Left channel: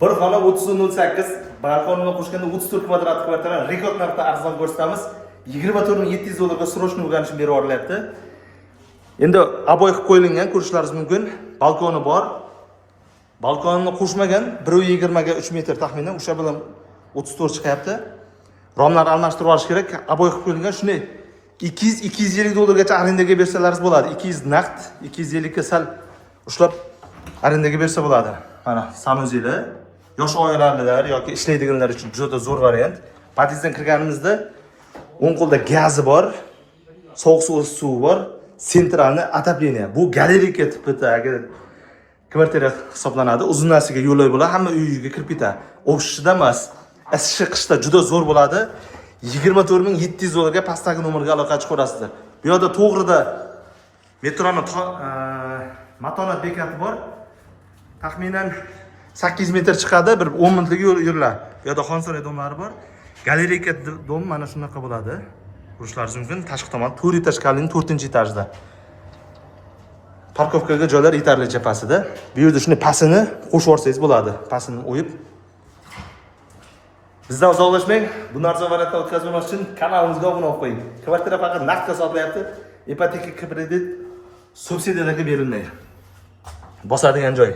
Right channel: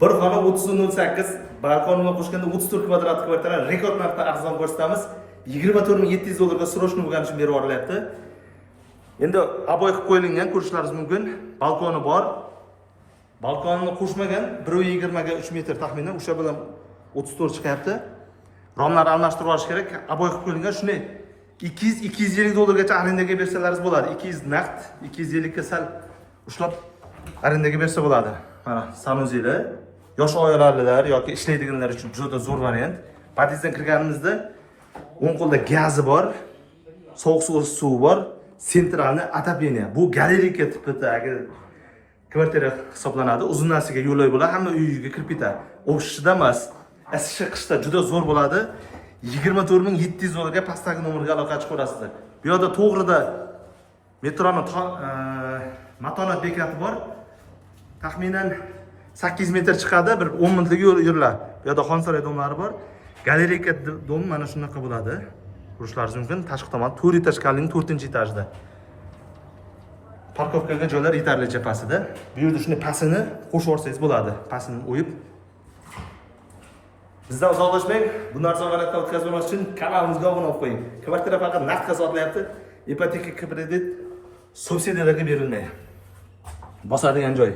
Bir xona 30.08, balkonga qo'shganda 34 kvadrat kvartira rekord narxda arzon ko'rsatamiz. 24.700 dollarga srochniy bo'lgani uchun berib yuborilyapti. Endi aboy qilib qo'yilgan, ko'rishlaringiz mumkin. Balkoni bor. Balkonni qo'shmagan 1.20 ga 3 metr taxminan, o'sha bilan 34 chiqyapti. Romlarni almashtirib olish kerak. Aboy qilib qo'yilgan. Shunday 200-250 dollargacha arendaga bersalaringiz bo'ladi. 200 naqd, 250 ga sal ushlab arendaga bersa bo'ladi. Mana sanuzeli, yosh oilalar yoki ishlaydiganlar uchun juda zo'r variant. Podyezddan kirganimizda o'ng qo'lda gazi bor, sovuq suvi bor, sentralni отопление. Bu galerika tipidagi kvartira hisoblanadi. Uzunasiga yo'llar bo'ladi, hamma uyiga kirib ketadi. O'shida emas, isishi qishda juda zo'r bo'ladi. 24.700 dollarga pastdagi nomerga aloqa chiqarasizlar. Bu yerda to'g'rida metroning matonat bekati bor. Taxminan 8 metr chiqadi, bir 10 minutlik yo'l yurlar. Bu yerda Xonsaroy domlari bor. Galerika dom mana shunaqa bo'ladi. Ko'rishlaringiz mumkin. Tashqi tomon 4 etaj kalning 4-etajda. Parkovkaga joylar yetarlicha pastida. Bu yerda shuni pasini qo'shib olsangiz bo'ladi. Pasini o'yib. Bizdan uzoqlashmang. Bu narsa valatda o'tkazmoq uchun kanalimizga obuna bo'lib qo'ying. Kvartira faqat naqdga sotilyapti. Ipoteka kredit subsidiyalarga berilmaydi. Bosadigan joy.